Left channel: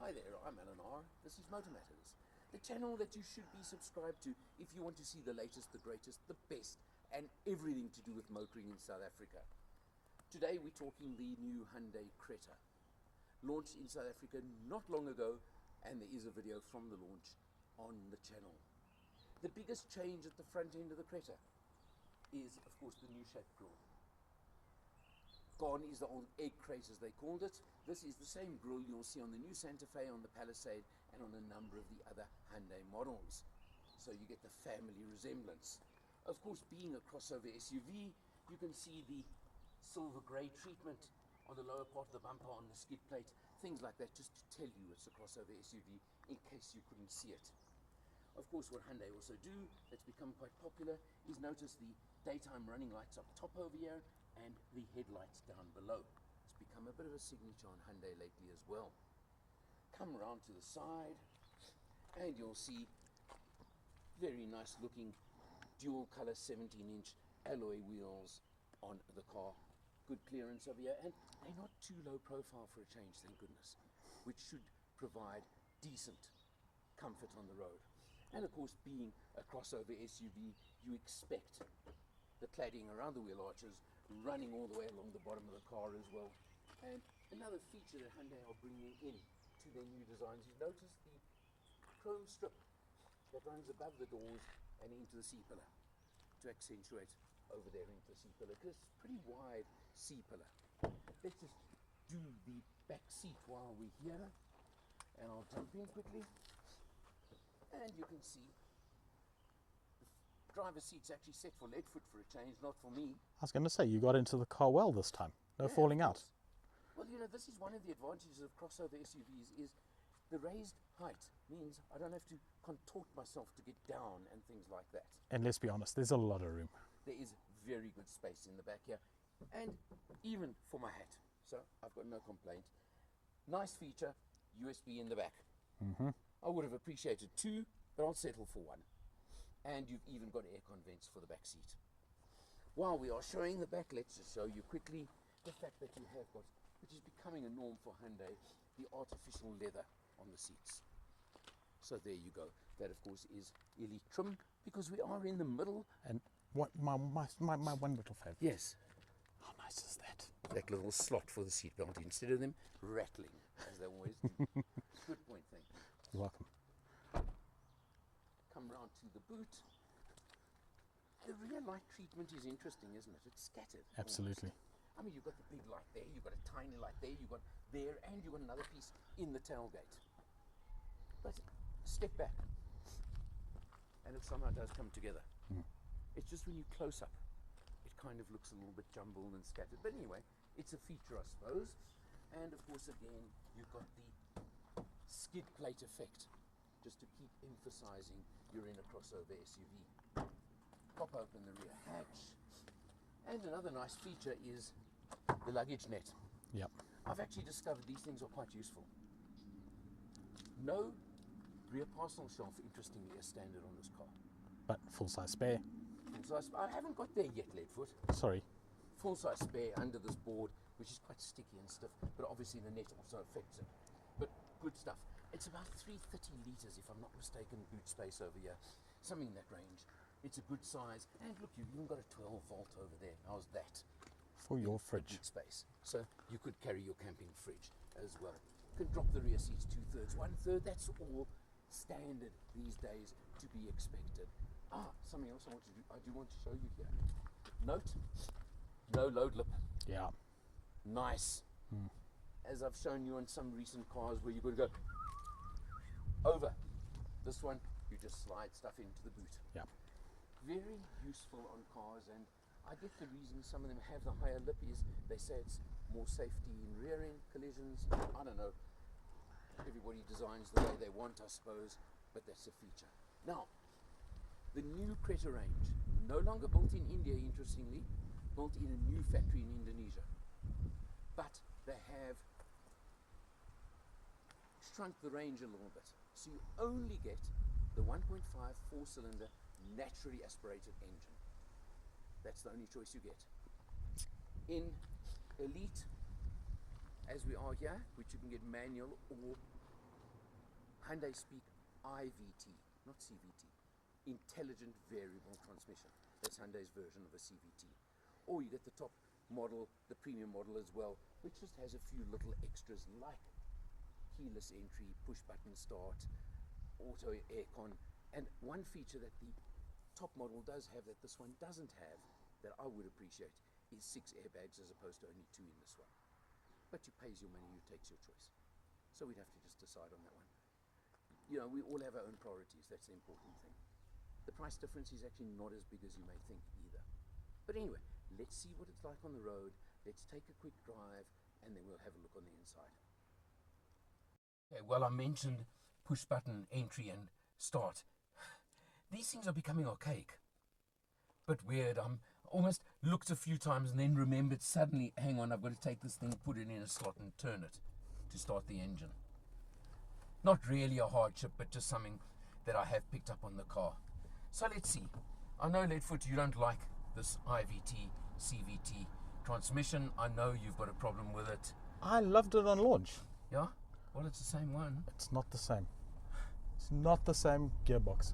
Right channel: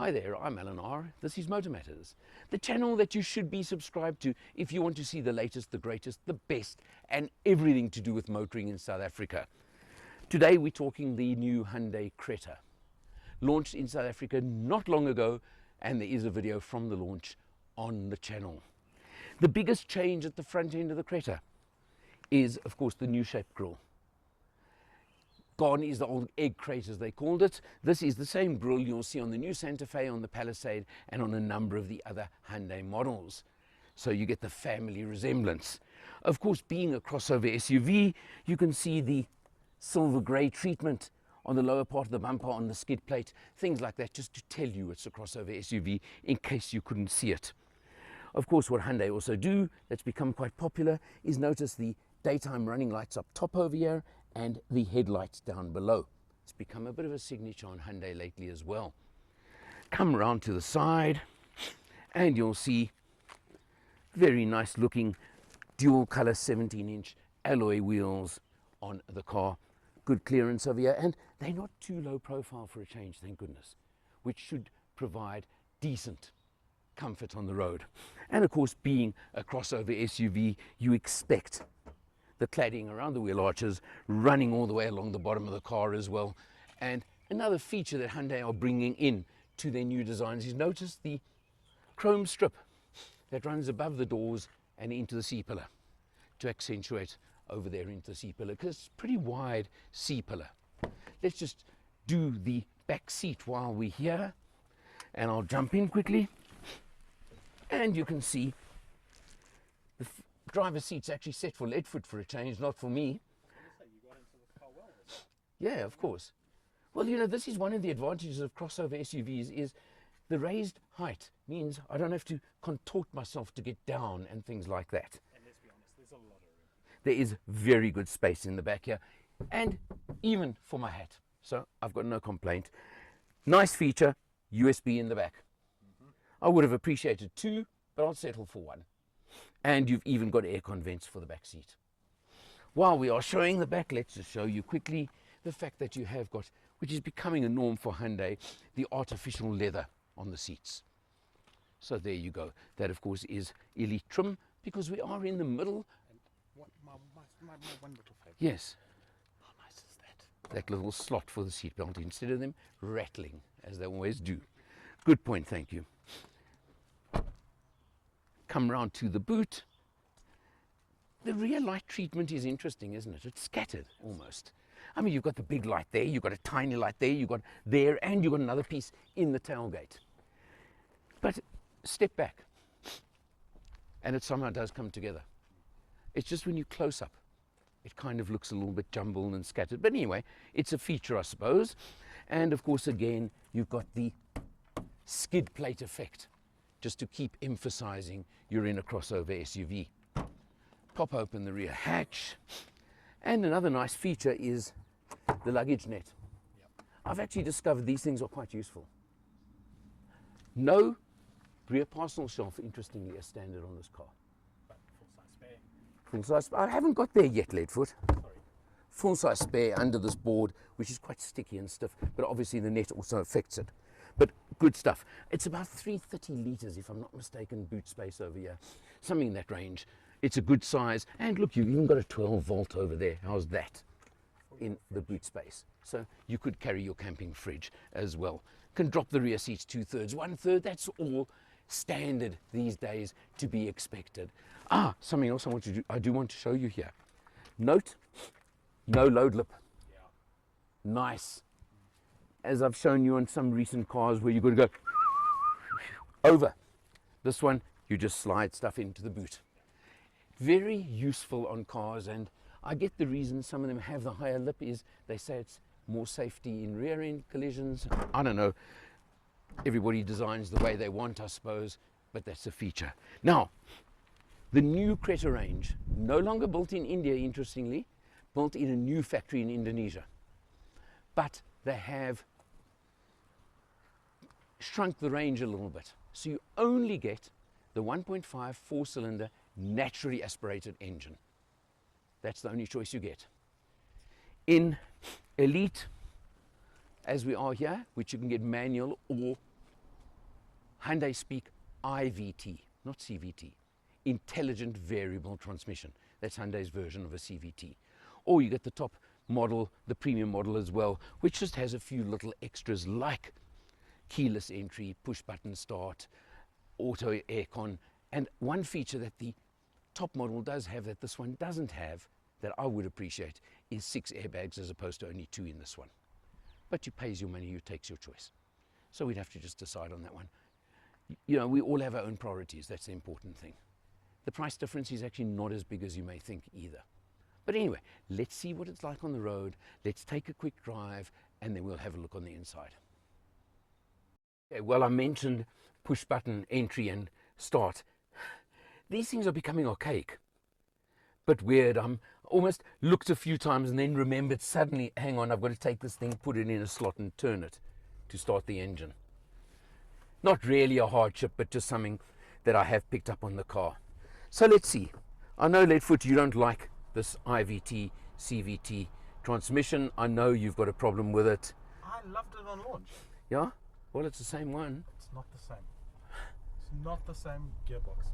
Hi there, I'm Alan R. This is Motor Matters, the channel that you should be subscribed to if you want to see the latest, the greatest, the best, and everything to do with motoring in South Africa. Today we're talking the new Hyundai Creta, launched in South Africa not long ago, and there is a video from the launch on the channel. The biggest change at the front end of the Creta is, of course, the new shape grille. Gone is the old egg crate, as they called it. This is the same grille you'll see on the new Santa Fe, on the Palisade, and on a number of the other Hyundai models. So you get the family resemblance. Of course, being a crossover SUV, you can see the silver grey treatment on the lower part of the bumper, on the skid plate, things like that, just to tell you it's a crossover SUV in case you couldn't see it. Of course, what Hyundai also do, that's become quite popular, is notice the daytime running lights up top over here and the headlights down below. It's become a bit of a signature on Hyundai lately as well. Come around to the side and you'll see very nice looking dual color 17-inch alloy wheels on the car. Good clearance over here, and they're not too low profile for a change, thank goodness, which should provide decent comfort on the road. And of course, being a crossover SUV, you expect the cladding around the wheel arches running all the way along the bottom of the car as well. And another feature that Hyundai are bringing in to their new designs is notice the chrome strip that runs above the doors and into the C-pillar to accentuate over there into the C-pillar, because it's a pretty wide C-pillar. Let's just do the back seat while we're here, and I'll jump in quickly. And you can see the driver's seat's actually set for Leadfoot for a change, not for me. I was going to say, you got into the car well this time. No Yeah, falling of out. course. Well, you know, this is one of the advantages of crossover SUVs, is the raised height means I don't have to contort myself to get down and things like that. And let's be honest, there's a lot of room. There is very good space in the back here, and even for my hat. So I've got no complaint. Nice feature, USB in the back. I would have appreciated two, but I'll settle for one. And you've even got aircon vents for the back seat. While we are showing the back, let's just show you quickly the fact that you have got, which is becoming a norm for Hyundai, the artificial leather on the seats. So there you go. That, of course, is elite trim, because we are in the middle. And what my one little favourite. Yes. How nice is that? That little slot for the seatbelt instead of them rattling, as they always do. Good point, thank you. You're welcome. Come round to the boot. The rear light treatment is interesting, isn't it? It's scattered. Absolutely. Almost. I mean, you've got the big light there, you've got a tiny light there, you've got there, and you've got another piece in the tailgate. But step back, and it somehow does come together. It's just when you close up, it kind of looks a little bit jumbled and scattered. But anyway, it's a feature, I suppose. And of course, again, you've got the skid plate effect, just to keep emphasizing you're in a crossover SUV. Pop open the rear hatch. And another nice feature is the luggage net. Yep. I've actually discovered these things are quite useful. No rear parcel shelf, interestingly, is standard on this car. But full-size spare. Full size, I haven't got there yet, Leadfoot. Sorry. Full size spare under this board, which is quite sticky and stiff, but obviously the net also affects it. But good stuff. It's about 330 litres, if I'm not mistaken, boot space over here. Something in that range. It's a good size. And look, you've even got a 12 volt over there. How's that? For In your the fridge. boot space. So you could carry your camping fridge as well. Can drop the rear seats 2/3, 1/3. That's all standard these days to be expected. Something else I do want to show you here. Note, no load lip. Yeah. Nice. As I've shown you on some recent cars where you've got to go over. This one, you just slide stuff into the boot. Yeah. Very useful on cars, and I get the reason some of them have the higher lip is they say it's more safety in rear end collisions. I don't know. Everybody designs the way they want, I suppose, but that's a feature. Now, the new Creta range, no longer built in India, interestingly, built in a new factory in Indonesia. But they have shrunk the range a little bit. So you only get the 1.5 four-cylinder naturally aspirated engine. That's the only choice you get. In Elite, as we are here, which you can get manual or Hyundai speak IVT, not CVT, intelligent variable transmission. That's Hyundai's version of a CVT. Or you get the top model, the premium model as well, which just has a few little extras like keyless entry, push button start, auto aircon, and one feature that the top model does have that this one doesn't have, that I would appreciate, is 6 airbags as opposed to only 2 in this one. But you pays your money, you takes your choice. So we'd have to just decide on that one. You know, we all have our own priorities. That's the important thing. The price difference is actually not as big as you may think either. But anyway, let's see what it's like on the road. Let's take a quick drive and then we'll have a look on the inside. Okay, well, I mentioned push button entry and start. These things are becoming archaic. But weird. I'm almost looked a few times and then remembered suddenly, hang on, I've got to take this thing, put it in a slot and turn it to start the engine. Not really a hardship, but just something that I have picked up on the car. So let's see. I know, Leadfoot, you don't like this IVT, CVT transmission. I know you've got a problem with it. I loved it on launch. Yeah? Well, it's the same one. It's not the same. It's not the same gearbox.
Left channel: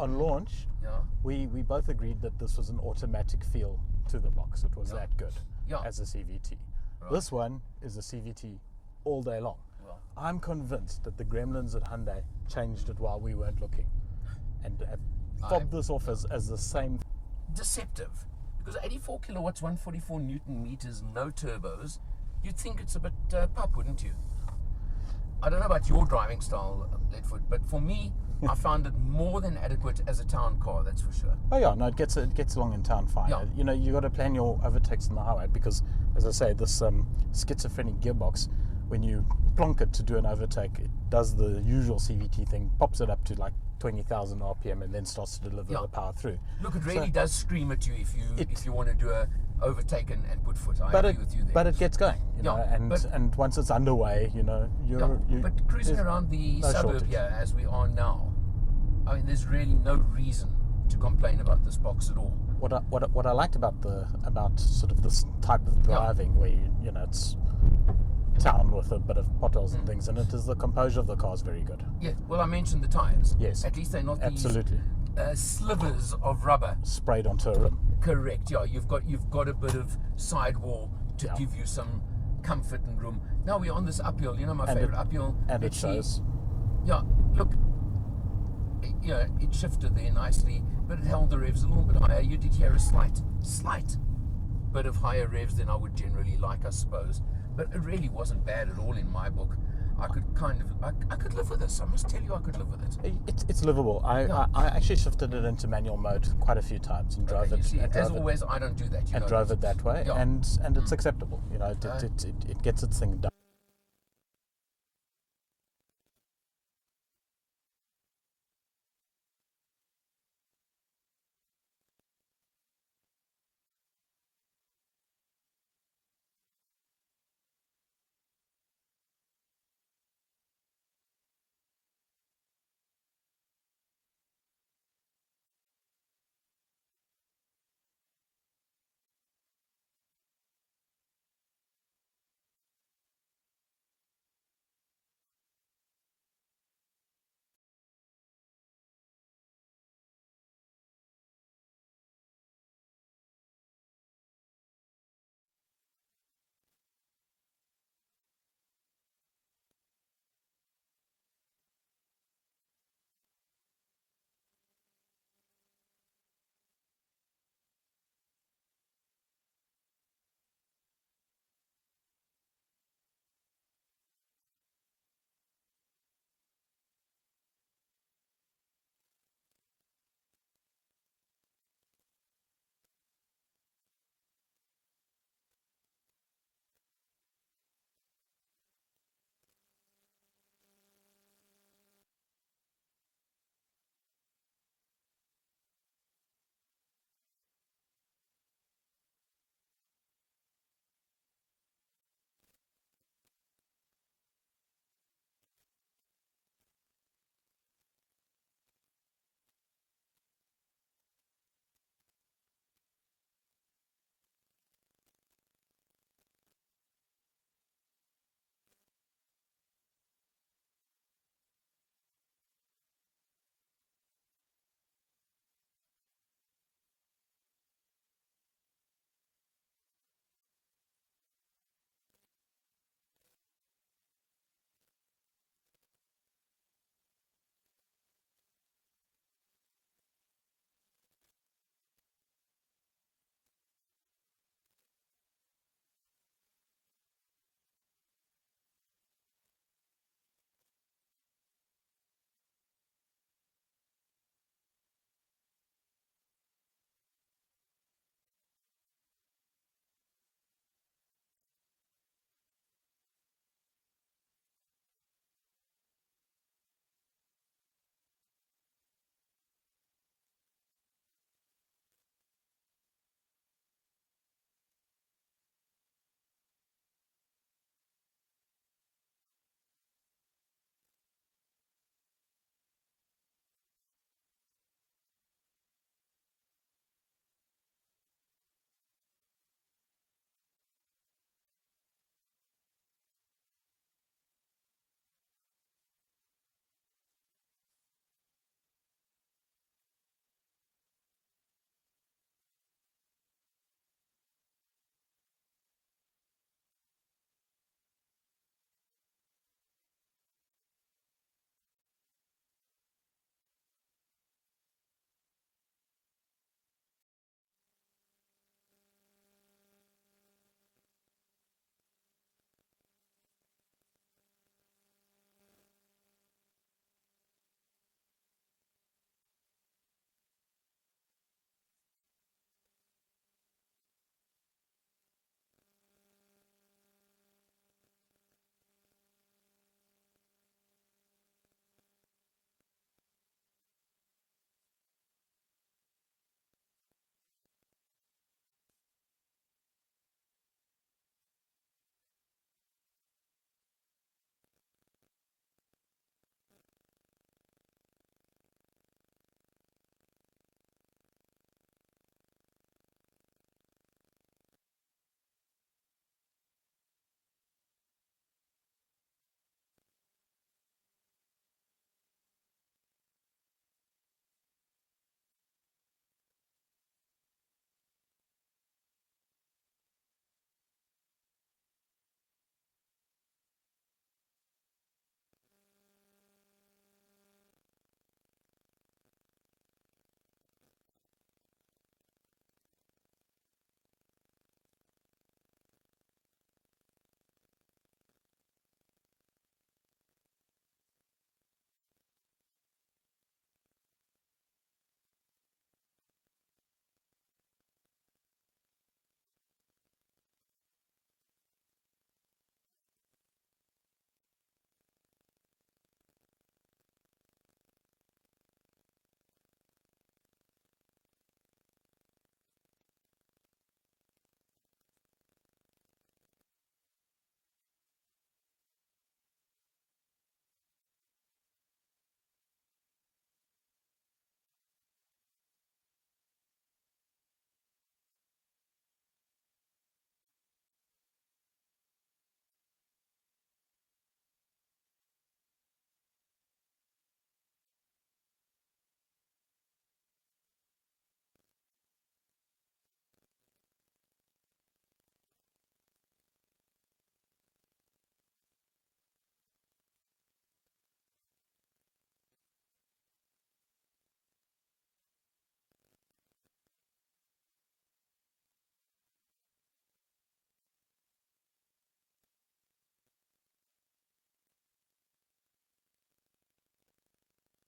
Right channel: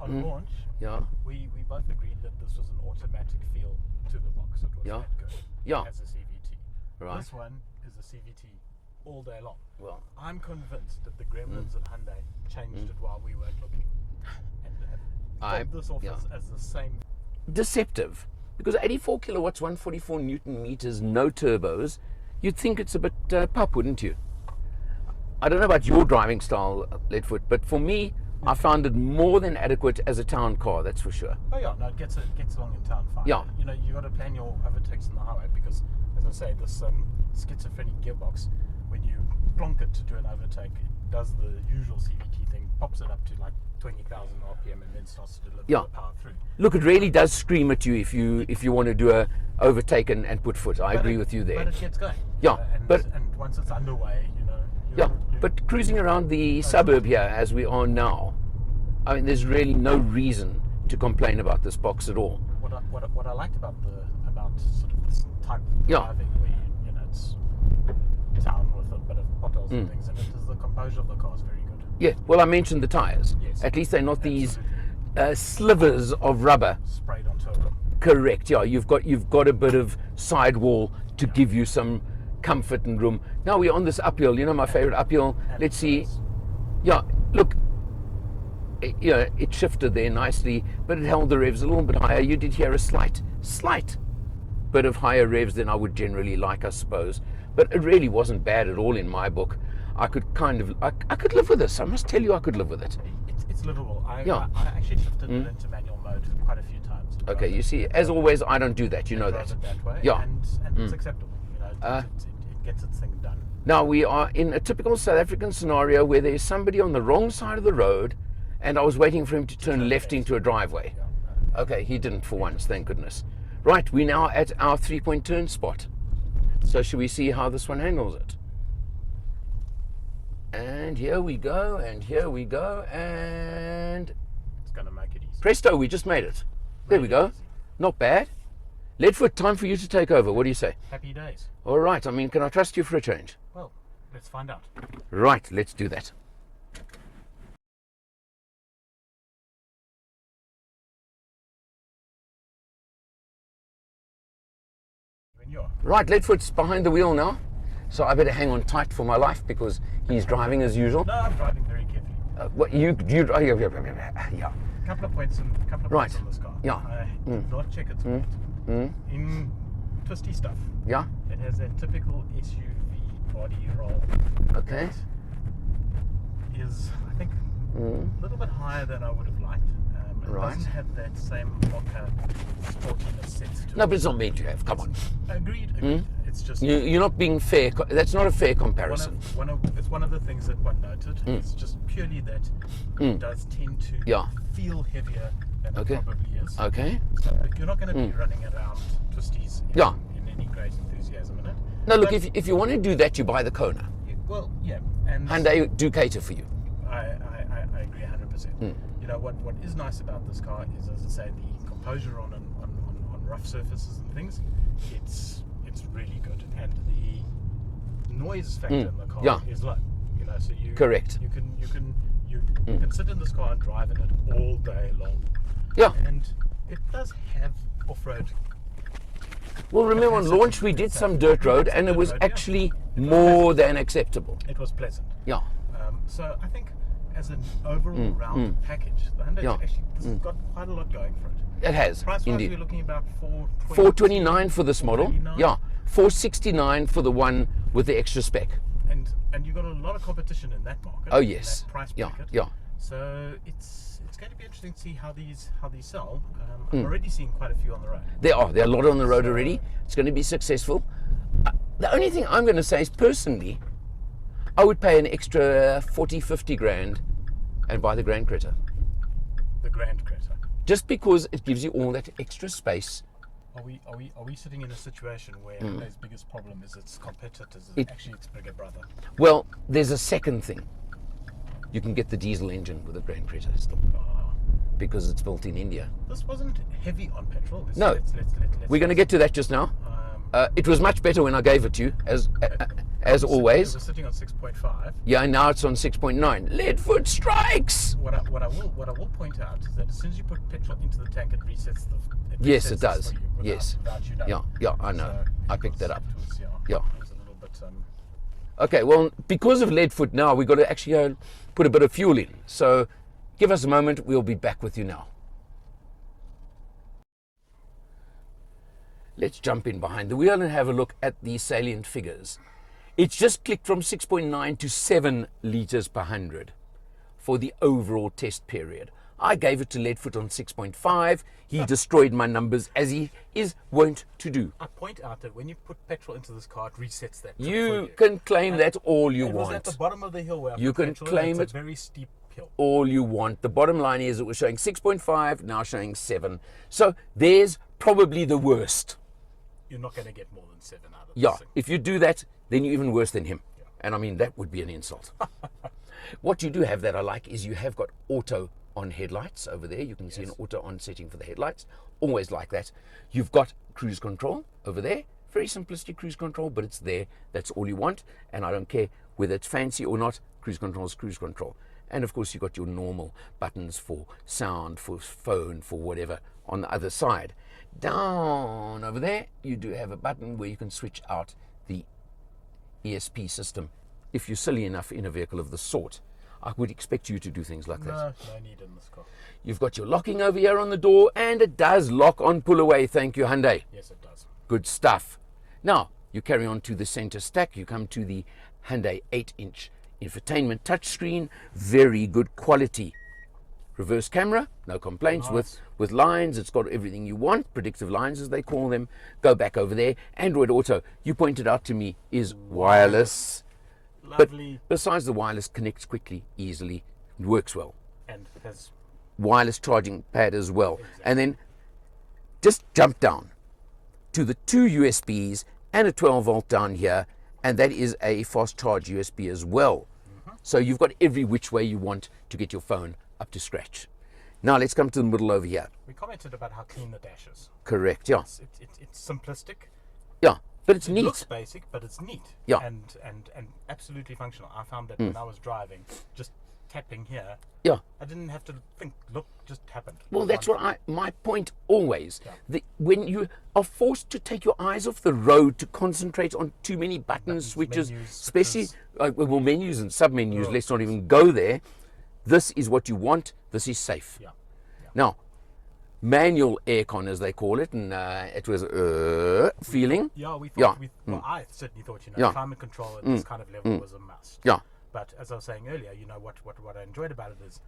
On launch, Yeah. we both agreed that this was an automatic feel to the box. It was Yeah. that good Yeah. as a CVT. Right. This one is a CVT all day long. Well, I'm convinced that the gremlins at Hyundai changed it while we weren't looking, and have fobbed this off as the same. deceptive. Because 84 kilowatts, 144 Newton meters, no turbos, you'd think it's a bit pup, wouldn't you? I don't know about your driving style, Leadfoot, but for me, I found it more than adequate as a town car, that's for sure. Oh yeah, no, it gets along in town fine. Yeah. You know, you got to plan your overtakes on the highway because, as I say, this schizophrenic gearbox, when you plonk it to do an overtake, it does the usual CVT thing, pops it up to like 20,000 RPM, and then starts to deliver the power through. Look, it really does scream at you if you want to do a overtake and put foot. I agree with you there. But it gets going. you know, and once it's underway, you know, but cruising around the suburb here as we are now, I mean, there's really no reason to complain about this box at all. What I liked about sort of this type of driving, where you know it's town with a bit of potholes and things, and it is the composure of the car is very good. Yeah, well, I mentioned the tires. Yes. At least they're not these Absolutely. slivers of rubber. Sprayed onto a rim. Correct. Yeah, you've got a bit of sidewall to give you some comfort and room. Now we're on this uphill. You know my favorite uphill. Let's see. Yeah, look. It shifted there nicely, but it held the revs a little bit higher. You did hear a slight bit of higher revs than I would generally like, I suppose. But it really wasn't bad at all in my book. I could I could live with this. I must tell you, I could live with it. It's livable. I actually shifted it into manual mode quite a few times. And Okay, you see, as always, I don't do that. You know that. Drove it that way, and it's acceptable. You know, it gets its thing done. Now we are in a typical South African scenario where there's somebody on the wrong side of the road, and I was waiting for him to turn left into a driveway. Okay, he didn't for once, thank goodness. Right, we're now at our 3-point turn spot. So should we see how this one handles it? And here we go, and here we go, and It's going to make it easy. presto, we just made it. There we go. Not bad. Leadfoot, time for you to take over. What do you say? Happy days. All right, I mean, can I trust you for a change? Well, let's find out. Right, let's do that. When you're Right, Leadfoot's behind the wheel now, so I better hang on tight for my life because he's driving as usual. No, I'm driving very carefully. What you yeah. Couple of points on this car. Yeah. I did not check its weight. In twisty stuff. Yeah. It has a typical SUV body roll. Okay. That is, I think, a little bit higher than I would have liked. It Right. doesn't have that same mocha sportiness sense to it. No, but it's not meant to have. Come on. Agreed. It's just You're not being fair. That's not a fair comparison. it's one of the things that one noted. It's just purely that it does tend to feel heavier than it probably is. Okay. So you're not going to be running around twisties in any great enthusiasm in it. No, look, But if you want to do that, you buy the Kona. well, yeah, and Hyundai do cater for you. I agree 100%. You know what is nice about this car is, as I say, the composure on rough surfaces and things. It's really good, and the noise factor in the car is low. You know, So Correct. You can sit in this car and drive in it all day long. Yeah. And it does have off-road. Well, remember on launch we did some dirt road, and it was actually more than acceptable. It was pleasant. Yeah. So I think as an overall round package, the Hyundai actually this has got quite a lot going for it. It has, Price-wise, indeed. we're looking about 429 for this model. 429. Yeah. 469 for the one with the extra spec. And you've got a lot of competition in that market. Oh in yes. that price Yeah. bracket. Yeah. So it's going to be interesting to see how these sell. I'm already seeing quite a few on the road. There are a lot on the road already. It's going to be successful. The only thing I'm going to say is personally, I would pay an extra 40, 50 grand and buy the Grand Creta. The Grand Creta. Just because it gives you all that extra space. Are we sitting in a situation where Hyundai's biggest problem is its competitors is actually its bigger brother? Well, there's a second thing. You can get the diesel engine with the Grand Creta still, because it's built in India. This wasn't heavy on petrol. No. We're going to get to that just now. It was much better when I gave it to you, as always. It was sitting on 6.5. Yeah, and now it's on 6.9. Lead foot strikes! What I will point out is that as soon as you put petrol into the tank, it resets the. Yes, it resets does. for you Yes. without you knowing. Yeah, I know. So I picked that up. It was, Yeah. It was a little bit. Okay, well, because of lead foot now, we've got to actually go put a bit of fuel in. So give us a moment. We'll be back with you now. Let's jump in behind the wheel and have a look at the salient figures. It's just clicked from 6.9 to 7 litres per 100 for the overall test period. I gave it to Leadfoot on 6.5. He destroyed my numbers, as he is wont to do. I point out that when you put petrol into this car, it resets that. You can claim that all you It was want. at the bottom of the hill where I You put can petrol, claim and it's it a very steep hill. all you want. The bottom line is it was showing 6.5, now showing 7. So there's probably the worst. You're not going to get more than 7 out of Yeah, this thing. if you do that, then you're even worse than him. And I mean, that would be an insult. What you do have that I like is you have got auto on headlights over there. You can see an auto on setting for the headlights. Always like that. You've got cruise control over there. Very simplistic cruise control, but it's there. That's all you want. And I don't care whether it's fancy or not. Cruise control is cruise control. And of course, you've got your normal buttons for sound, for phone, for whatever on the other side. Down over there, you do have a button where you can switch out the ESP system. If you're silly enough in a vehicle of the sort, I would expect you to do things like that. No need in this car. You've got your locking over here on the door, and it does lock on pull away. Thank you, Hyundai. Yes, it does. Good stuff. Now, you carry on to the center stack. You come to the Hyundai 8-inch infotainment touchscreen. Very good quality. Reverse camera, no complaints. Nice. With lines. It's got everything you want, predictive lines as they call them. Go back over there. Android Auto, you pointed out to me, is wireless. Lovely. But besides the wireless, connects quickly, easily, works well. And has Wireless charging pad as well. And then just jump down to the 2 USBs and a 12 volt down here, and that is a fast charge USB as well. So you've got every which way you want to get your phone up to scratch. Now let's come to the middle over here. We commented about how clean the dash is. Correct, yeah. It's simplistic. Yeah, but it's It neat. looks basic, but it's neat. Yeah. And absolutely functional. I found that when I was driving, just tapping here, Yeah. I didn't have to think. Look, just happened. Well, that's what my point always. Yeah. When you are forced to take your eyes off the road to concentrate on too many buttons, switches, menus, especially well, menus and sub-menus, Oh, let's not even go there. This is what you want. This is safe. Yeah. Now, manual aircon, as they call it, and it was feeling. Yeah, we thought. Yeah. Well, I certainly thought, Yeah. climate control at this kind of level was a must. Yeah. But as I was saying earlier, what I enjoyed about it is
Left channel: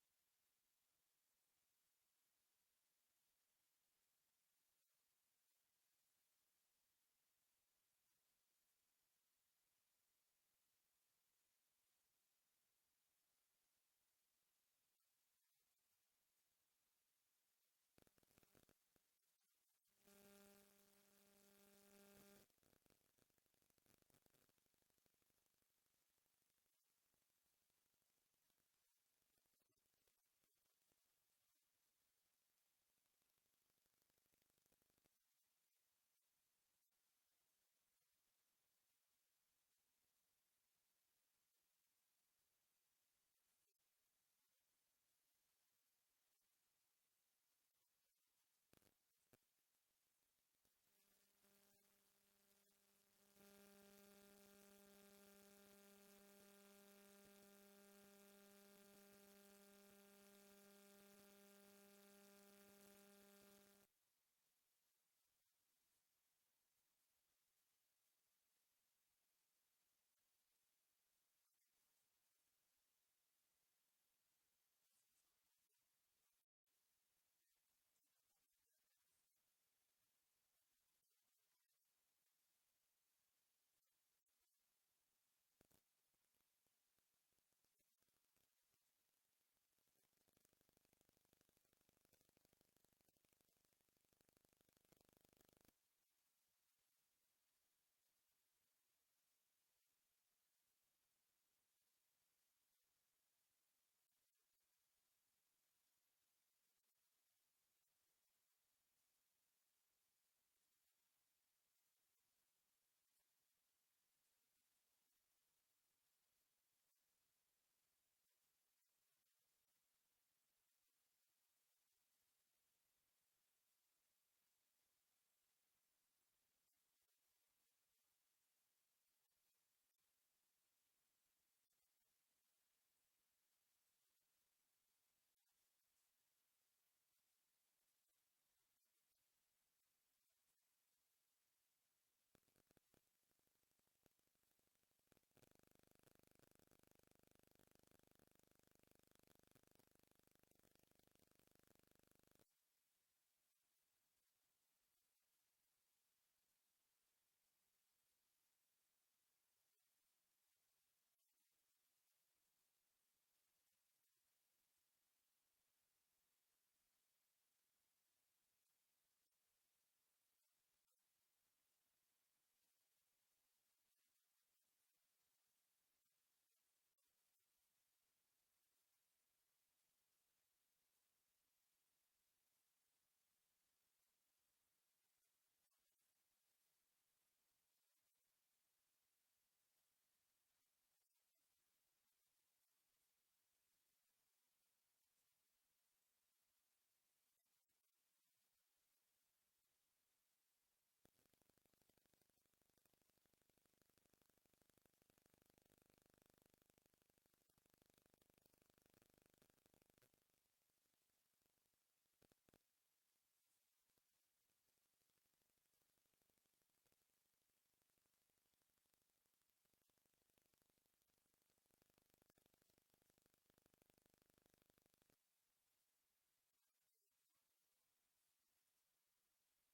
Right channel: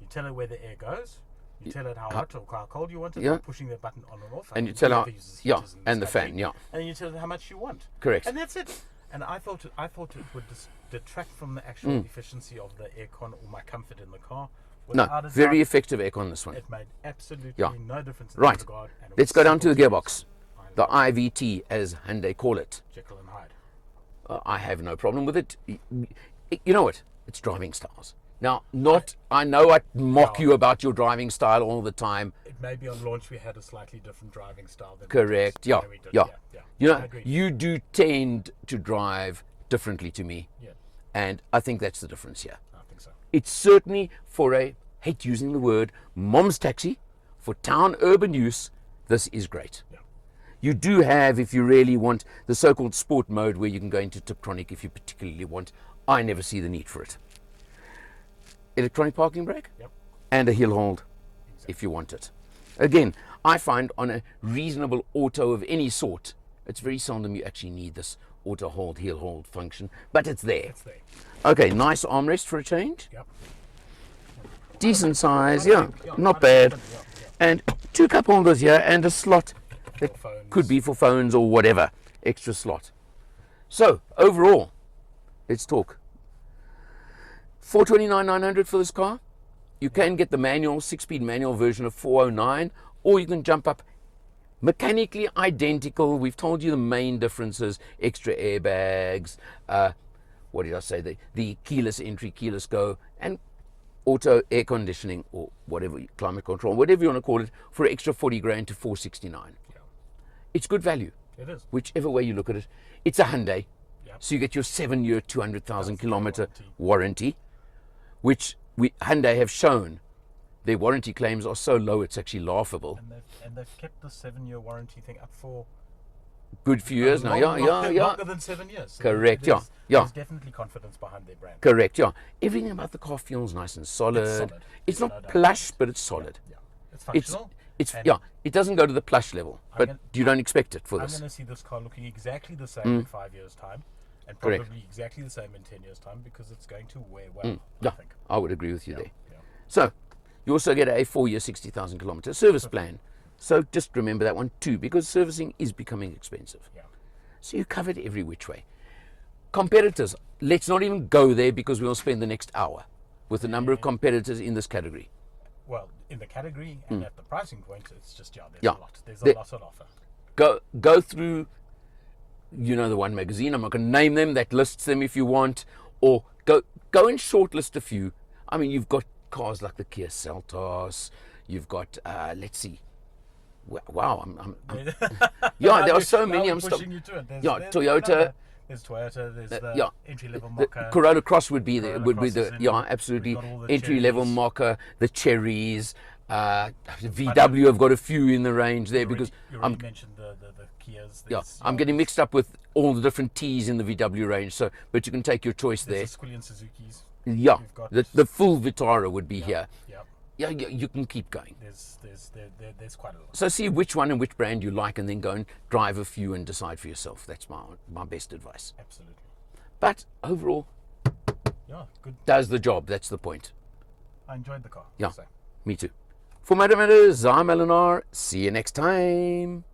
you tell it where the air goes, you tell it how hot or how cold you want it, Yeah. by pushing the button on and off. And you tell it how- never uses yeah, heaters and the stuff, fan, yeah. And you tell it how much you want. Correct. And that's it. And I thought it would detract from the actual efficiency of the aircon or my comfort in the car. No, Without a very doubt, effective aircon, this one. It made absolutely Yeah. no difference in Right. that regard. And it Let's was go down to the simple gearbox, use. the IVT, as Hyundai call it. Jekyll and Hyde. I have no problem with it. You know what? It's driving styles. Now, I know I mock you about your driving style all the time. It may be on launch we had a slightly different driving style than Correct. Yeah. we did. Yeah. Yeah. You I know, agree. you do tend to drive differently to me. Yeah. And I think that's the difference here. I think so. It's certainly for a, hate using the word, mom's taxi, for town urban use, this is great. Yeah. You do have, if you really want, the so-called sport mode where you can go into Tiptronic if you particularly want. I never see the need for it. Electronic parking brake, Yep. and a hill hold if you want it. Again, I find on a reasonable auto of any sort, it's very seldom you actually need this auto hold, heel hold function, but it's there. It's there. Okay, nice armrest for a change. Yep. Decent size, yeah, not bad. And 2 cup holders here and a slot that phones. could be for phones or whatever, extra slot. So, overall, let's talk. $429,900 for this car. You can get the manual, 6-speed manual version of $409, or you can jump up mechanically identical. We've told you the main differences: extra airbags, what did I say? The keyless entry, keyless go, and auto air conditioning, or whatever, climate control, whatever you want to call it, for extra 40 grand to 469. Yeah. It's good value, It is. whichever way you look at it. It's a Hyundai, Yep. so you get your 7-year, 200,000 kilometer warranty. warranty, which Hyundai have shown their warranty claims are so low it's actually laughable. And they've kept the 7-year warranty thing up for Good few years now, yeah. longer than 7 years. So Correct, there's, yeah. There's definitely confidence behind their brand. Correct, yeah. Everything about the car feels nice and solid. It's solid. It's No not doubt. plush, but it's solid. Yeah. It's functional. It's And yeah. It doesn't go to the plush level, but gonna- you don't expect it for I'm this. going to see this car looking exactly the same in 5 years' time, and probably Correct. exactly the same in 10 years' time, because it's going to wear well, I Yeah, think. I would agree with you there. Yeah. So, you also get a 4-year, 60,000 kilometer service plan. So just remember that one too, because servicing is becoming expensive. Yeah. So you covered every which way. Competitors, let's not even go there because we'll spend the next hour with the number of competitors in this category. Well, in the category and at the pricing point, it's just, there's Yeah. a lot. There's The- a lot on offer. Go through, you know, the one magazine. I'm not going to name them. That lists them if you want, or go and shortlist a few. I mean, you've got cars like the Kia Seltos. You've got let's see. Wow, yeah, there are so many. I'm pushing you to it. There's, yeah, there's Toyota. There's Toyota. There's the yeah, entry-level The Mocha. Corolla Cross would be the Corolla would be Cross the is in. yeah, absolutely We've got all the entry level Cherries. Mocha, the Cherries. VW have got a few in the range there because you I'm already mentioned the Kias. yeah, There's, I'm getting mixed up with all the different T's in the VW range. So, but you can take your choice there. There's the Squillian Suzuki's. Yeah, You've got- the full Vitara would be here. Yeah. Yeah, you can keep going. There's quite a lot. So see which one and which brand you like, and then go and drive a few and decide for yourself. That's my best advice. Absolutely. But overall, Yeah, good. does the job. That's the point. I enjoyed the car. Yeah. So. Me too. For Madam Matters, I'm Eleanor. See you next time.